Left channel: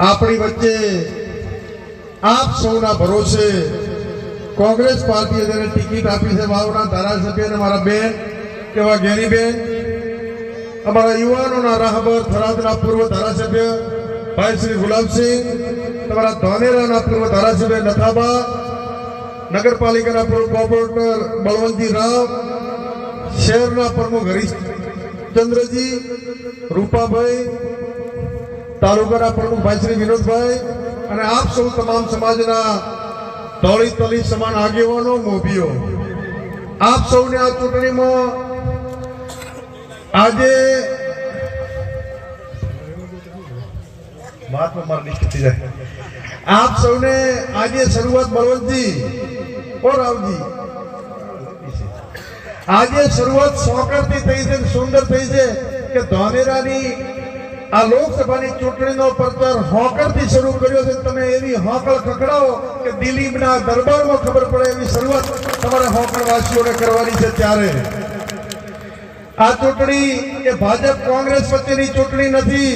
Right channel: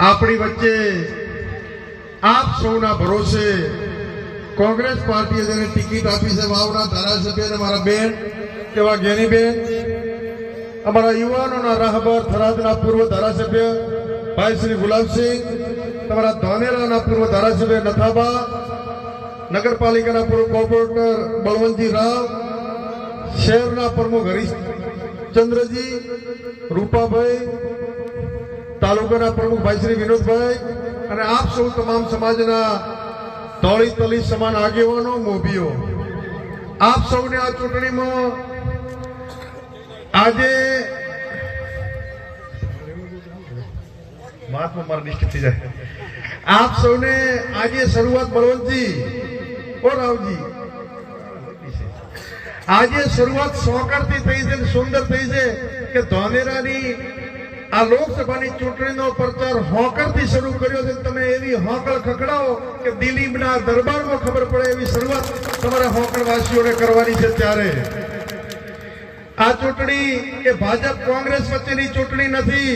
આપણી વચ્ચે આપ સૌના ભરોસે કોંગ્રેસ પાર્ટીએ જેને ટિકિટ આપી છે વાવના ધારાસભ્ય અને મારા બેન એવા જ્ઞાનીબેન, અમારા યુવાનોના રાહબર થરાદના પૂર્વ ધારાસભ્ય ભાઈ શ્રી ગુલાબસિંહ, તમારા ધાનેરાના પૂર્વ ધારાસભ્ય નથાબા, નગરપાલિકાના પૂર્વ કોર્પોરેટર બળવંતજી રાવ, શહેરના પ્રમુખ હરીશચંદ્રજી, રૂપાભાઈ, તાલુકાના પ્રમુખ ભાઈ શ્રી વિનોદભાઈ અને આપ સૌ તમામ સમાજના ધોળી તલી સમાન આગેવાનો, મોભીઓ, આપ સૌને આ ચૂંટણીમાં આજે આપ સૌને આજે શરૂઆત બળવંતજી ઓ રાવજી, આજે શરૂઆત સોકરથી થઈ છે, સુંદર થઈ છે કે ધાનેરાની આ લોકસભાની ચૂંટણીનો પ્રચાર હોકરથી શરૂ કર્યો છે. તમે એવી હોકળ ખખડાવો કે દિલીપના દરબારમાં ખબર પડે એવી શરૂઆત તમારે હોકળવાસીઓને કરવાની છે. ત્યારે આ ચૂંટણી એ ભાજપ કોંગ્રેસ વચ્ચેની ચૂંટણી નથી,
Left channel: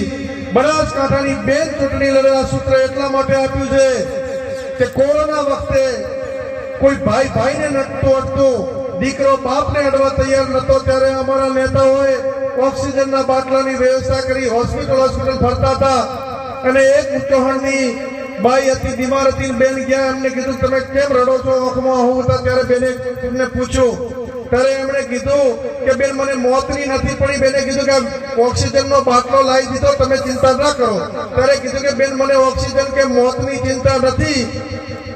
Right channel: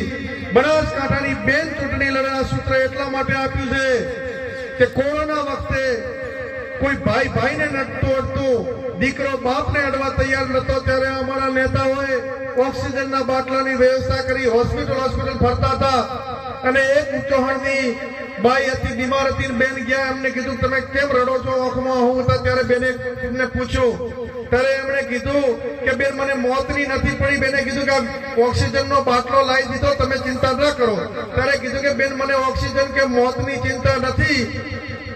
બનાસકાંઠાની બેન ચૂંટણી લડેલા સૂત્ર એટલા માટે આપ્યું છે કે કોરોના વખતે કોઈ ભાઈ ભાઈને નડતું અડતું, દીકરો બાપને અડવા તૈયાર નતો, ત્યારે અમારા નેતાઓએ ઓક્સિજનના બાટલાની વ્યવસ્થા કરી હોસ્પિટલ ફરતા હતા. અને એક ચૌહાણની બાઈ હતી, બીમાર હતી, બેન ગયા, એમને કીધું તમે કેમ રડો છો, આંખમાં હું હતા, ત્યારે બેને એમને પૂછ્યું, ત્યારે એમણે કીધું કે બેન મને મોતની નથી પડી. બેને કીધું કે ઓક્સિજનનો બાટલો લાવી દીધો, તમે ચિંતા ના કરો. ત્યારે કીધું કે બેન મને ઓક્સિજન કે મોતની ચિંતા નથી,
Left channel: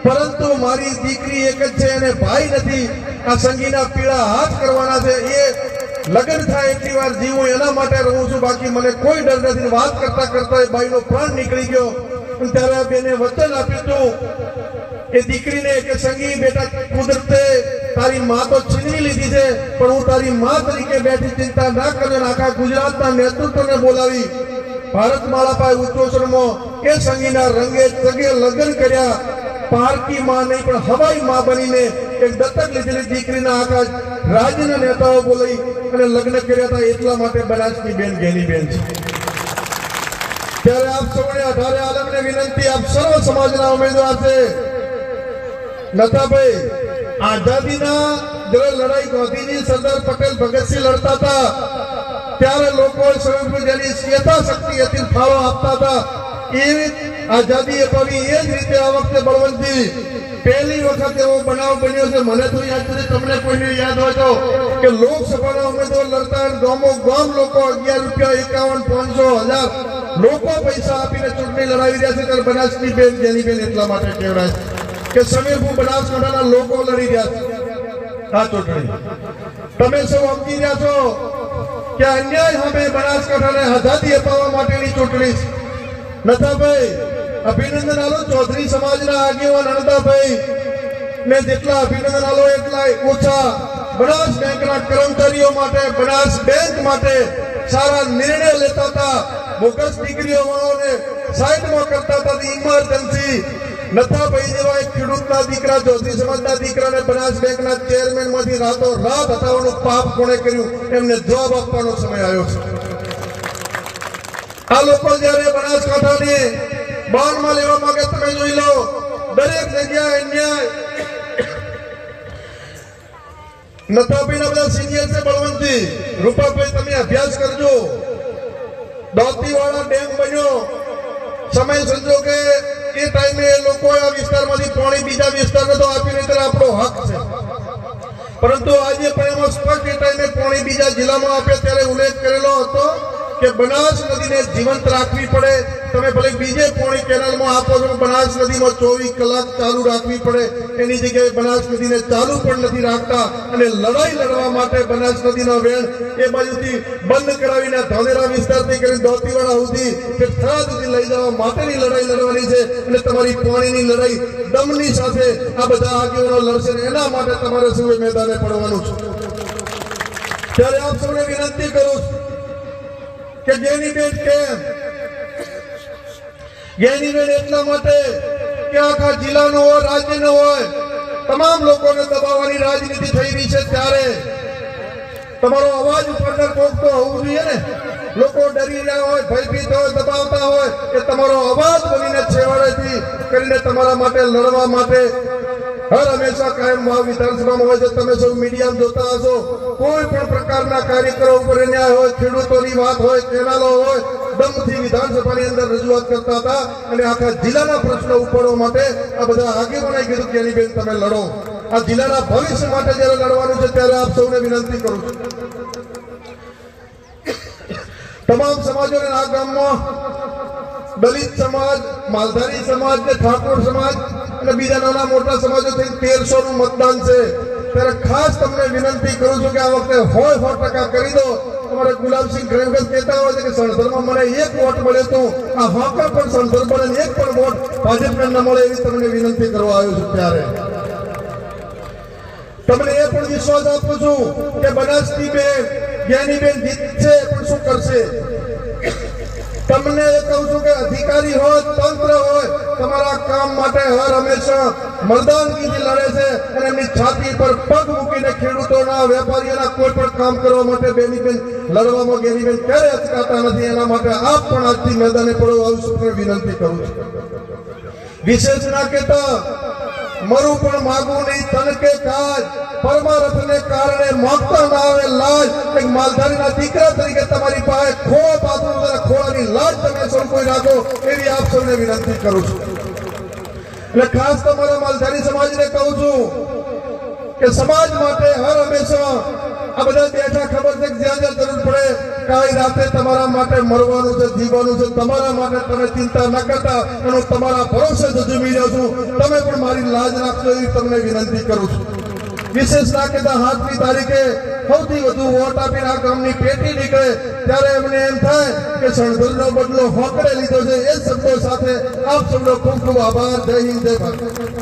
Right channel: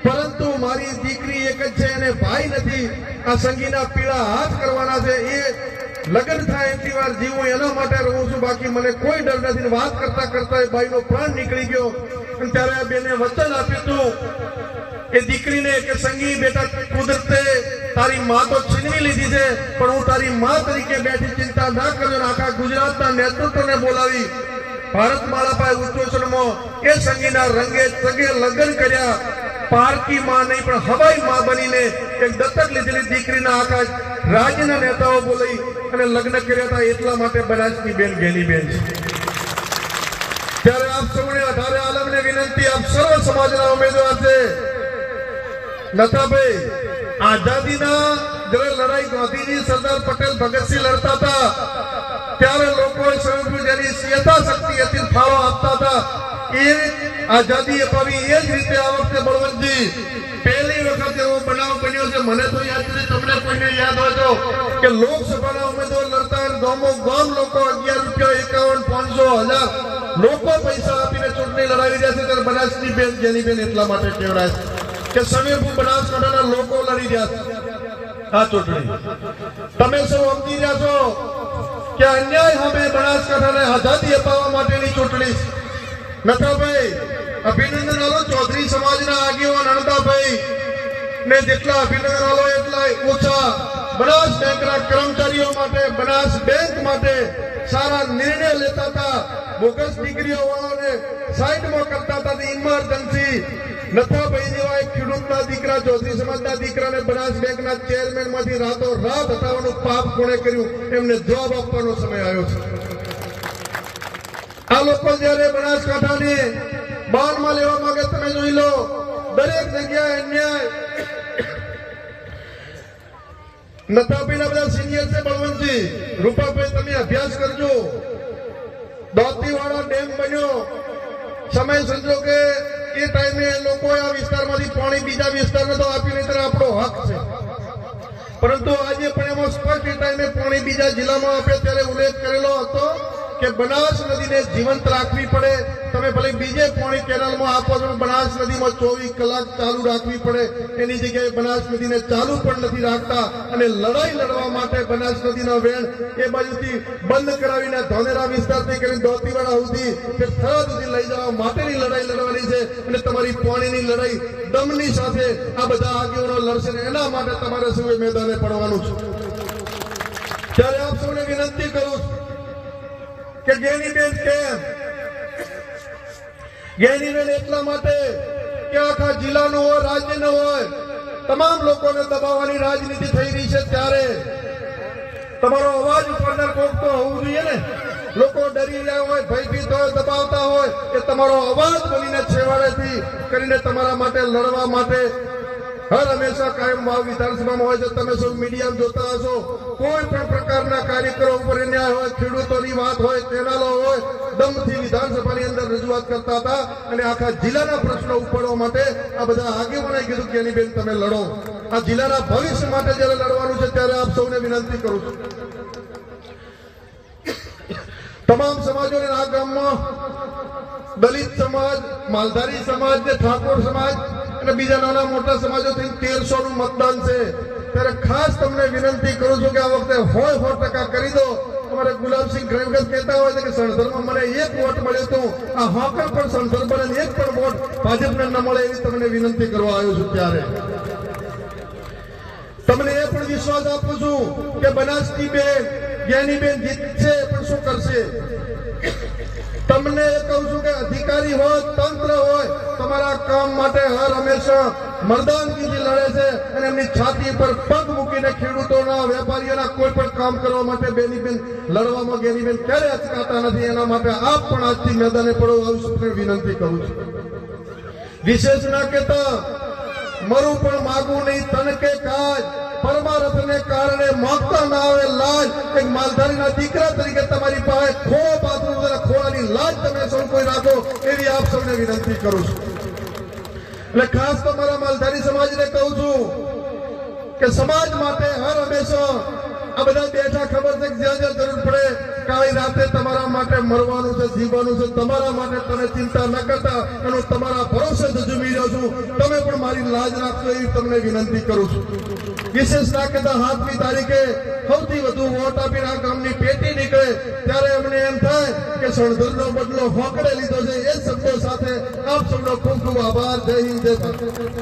પરંતુ મારી દીકરી એક જ છે અને ભાઈ નથી, આ સંગીના પીળા હાથ કરવાના છે, એ લગ્ન થાય એટલી વાર જીવું એના માટે રહું છું, બાકી મને કોઈ ડર નથી. વાત કરતા કરતા એ ભાઈનો પ્રાણ નીકળી ગયો. ત્યારે આ બેને વચન આપ્યું હતું એ દીકરીને કે સંગી બેટા, કુદરતે તારી માં તો છીનવી લીધી છે, પણ હું તારી માં તરીકે બેઠી, ચિંતા ના કરજો. આખા ગુજરાતના નેતૃત્વને બોલાવી ભારત માળા પાસે ઉચ્ચોસનમાં એ સંગીના રંગે તગે લગ્ન કર્યા. પારકી માં નહીં પણ હવાઈ માં બનીને એક દત્તક લીધેલી દીકરીના આખા રાજ્યના નેતાઓ બોલાવી અને લગ્ન કર્યા હતા. એટલા માટે બનાસની બેન જ્ઞાનીબેન છે. ત્યારે આપ સૌને અઢારે આલમને વિનંતી, આપ સર્વ સમાજના ઉમેદવાર છે. નથાભાઈ, આઝાદીના જ્યારે લડાઈ ગાંધીજી, સરદાર પટેલ, ભગતસિંહ લડતા હતા ત્યારે લોકોએ જેની યથાશક્તિ હતી ફાળો આપતા હતા. એ આઝાદી અપાવી. એ જ રીતે આ વખતે બળવંતજી પહેલી વખત એવો બનાવ બન્યો છે, મને તો યાદ છે, તમને કોઈને યાદ હોય તો, કે લોકસભાના ઉમેદવાર લડતા ગામો ગામ લોકો 11 રૂપિયા, 51, 500, 1000 લોકો પૈસા આપીને ચૂંટણી લડાવી રહ્યા છે. ત્યારે બનાસની બેન જ્ઞાનીબેન એટલા માટે કહેવાય કે સમીરપુર બનાસકાંઠાના લોકો લડી રહ્યા છે આ ચૂંટણી. તમે સૌ સમજી રહ્યા છો કે અન્યાય સામે બનાસકાંઠાને આઝાદી અપાવવા માટેની ચૂંટણી. નથાભાઈ, અભિનંદન આલો ચૌધરી સમાજના આગેવાન અણદાભાઈ ને જેટલા અભિનંદન આલો એટલા ઓછા. બનાસ બેંકના કર્મચારીઓ માટે, બનાસ બેંક માટે સારા નિર્ણય લેતા હતા, બોગસ દીકરીઓ વાળાને સાઈડમાં કરતા હતા. ઇમરજન્સી નથાભાઈ જેવા એક ખેડૂતના દીકરા, ચૌધરી સમાજના દીકરાને બનાસ બેંકના ચેરમેન માંથી રાતો રાત હટાવવાનું પાપ કોણે કર્યું, એમને જવાબ આપવાનો સમય આવ્યો છે. આ લોકો જયારે બનાસકાંઠાની બાનમાં લેવા માંગે, તમે જોઈ લો દરેક જગ્યાએ અન્યાય. નથાભાઈના બધા સિનિયર છે, બળવંતજી, રૂપાભાઈ, તમે અભ્યાસ કરજો. દોતીવાળા ડેમ બન્યો, સમય સંજોગે એ ટાઈમે એ લોકોએ આ વિસ્તારમાંથી પાણી બીજા વિસ્તારને તો આપીને ત્યારે આપણો હક છે, પરંતુ આજે પણ એમાં સ્પષ્ટ એ ટાઈમે પાણી બીજા જિલ્લામાં આપે ત્યારે ઉલ્લેખ કરેલો હતો કે બનાસ નદીને જીવંત રાખવી પડે. તમે ભલે બીજે પાણી કેનાલમાં આપો છો, બનાસ નદીમાં 24 કલાક ચાલુ રાખવી પડે. એની જગ્યાએ બનાસ નદીને ચાલુ પણ નથી રાખતા. અને લડાઈ લડવા માટે બનાસ નદીનો વેણ એ બાજુથી બંધ કરાવીને ધાનેરા વિસ્તારથી કરીને દોતીવાડા સુધી કે થરાદ સુધી લઈ જવા માટેની લડાઈ લડવાની છે. અને તમારી પાણીની લડાઈ દમની સાથે આ બધા આગેવાનો લડશે. એના માટે તમારે સૌએ મેદાને પડવાનું છે. ત્યારે આપ સૌને વિનંતી કરું કે જ્ઞાનીબેન કેમ? જ્ઞાનીબેન એટલા માટે કે આખા જિલ્લાનો હોય, રાજ્યનો હોય, તમામ લોકોને દબાવવાની રાજનીતિ થઈ રહી છે. ત્યારે તમારો અવાજ ઉપર કોક તો હોવું જોઈએ ને. લોકો ડરી રહ્યા હોય, ભયભીત હોય, દબાવતા હોય, એ તમારો અવાજ બની કરીને તમારા માટે લડવા માટે હર હંમેશા કાયમ વાવ વિધાનસભામાં હોય છે. તમે સૌ મીડિયામાં જોતા હશો, કોઈ પણ પ્રકારના કાર્યક્રમ ઉપર અન્યાય હોય, ખેડૂતોની વાત હોય, કેનાલો હોય, દમથી વિધાનસભાની અંદર રજૂઆત કરતા હતા અને આખા જિલ્લાના પ્રશ્નો ઉપાડવા માટે આ બધા આગેવાનોએ કીધું કે એની બેન તમે લડો. આ જિલ્લાના ભવિષ્ય માટે જયારે લડવાનું છે ત્યારે આપ સૌને વિનંતી કરું છું. તમામ સમાજોને આ ગામમાં દલિત સમાજ, માલધારી સમાજ ને ઠાકોર સમાજ અને બીજા નાના મોટા સમાજો થઈ 1300 નું મતદાન છે. ત્યારે ખાસ તમને વિનંતી કરું છું કે આ વખતે 100% કરી દો. અમારે ગુલાબસિંહ ગ્રેવગત કહેતા હોય છે કે સણસરમાં મને 1 વોટ મળે તો આ હોકર પણ સણસર મળે ને 1 પણ વોટ ભાજપને ન મળે એવી તમને વિનંતી કરવા આવ્યો છું. ત્યારે તમને એ પણ વિશ્વાસ આપું છું કે બનાસની બેન, જ્ઞાનીબેન જીતશે, પણ શું કરશે? તમને એ કહું છું કે અધિકારી હોય, તંત્ર હોય, તમારા કામ માટે હર હંમેશા મર્દાનગીથી લડે છે અને એમની છાતી પર પગ મૂકીને ખેડૂતોના, વેપારીઓના કોઈ પણ કામ કરવા માટે બેનીબેન લડવામાં જ્ઞાનીબેન ક્યારે અચકાતા નથી. એના માટે આપ પણ આજથી મેદાને પડો આવી વિનંતી કરું છું. વિશેષ ના કહેતા મરું પણ માગું નહીં તન કે કાજ, પરમારથને કારણે માગતા ના આવે લાજ. એક માલધારીના દીકરા તરીકે તમારી પાસે ખોળો પાથરું, ખોળાની લાજ તમે સૌ કોઈ રાખો એવી આપ સૌને વિનંતી કરું છું. એટલે ખાસ તમારા માલધારી સમાજને કહું છું કે સમાજ માટે હર હંમેશા આ બધા બેઠા ખબર છે કે જ્યાં જ્યાં જરૂર પડે કાળી રાતે તમારા માટે મરવાનું છે, જીવવાનું છે. તમારા માટે તમે ચિંતા ન કરતા એનો તમારા ભરોસે જજુમી જાઉં છું. તમે પણ મારી લાજ રાખશો એવી તમને વિનંતી કરું છું. વિશેષ ના કહેતા 7મી તારીખે સૌથી વધુ વોટ આપીને આ ગામની પેટી નીકળે ત્યારે એમને એમ થાય કે સણધરનો બદલો હોકડે લીધો છે. એ શબ્દો સાથે આપ સૌનો ખૂબ ખૂબ આભાર. જય હિન્દ, જય ભારત.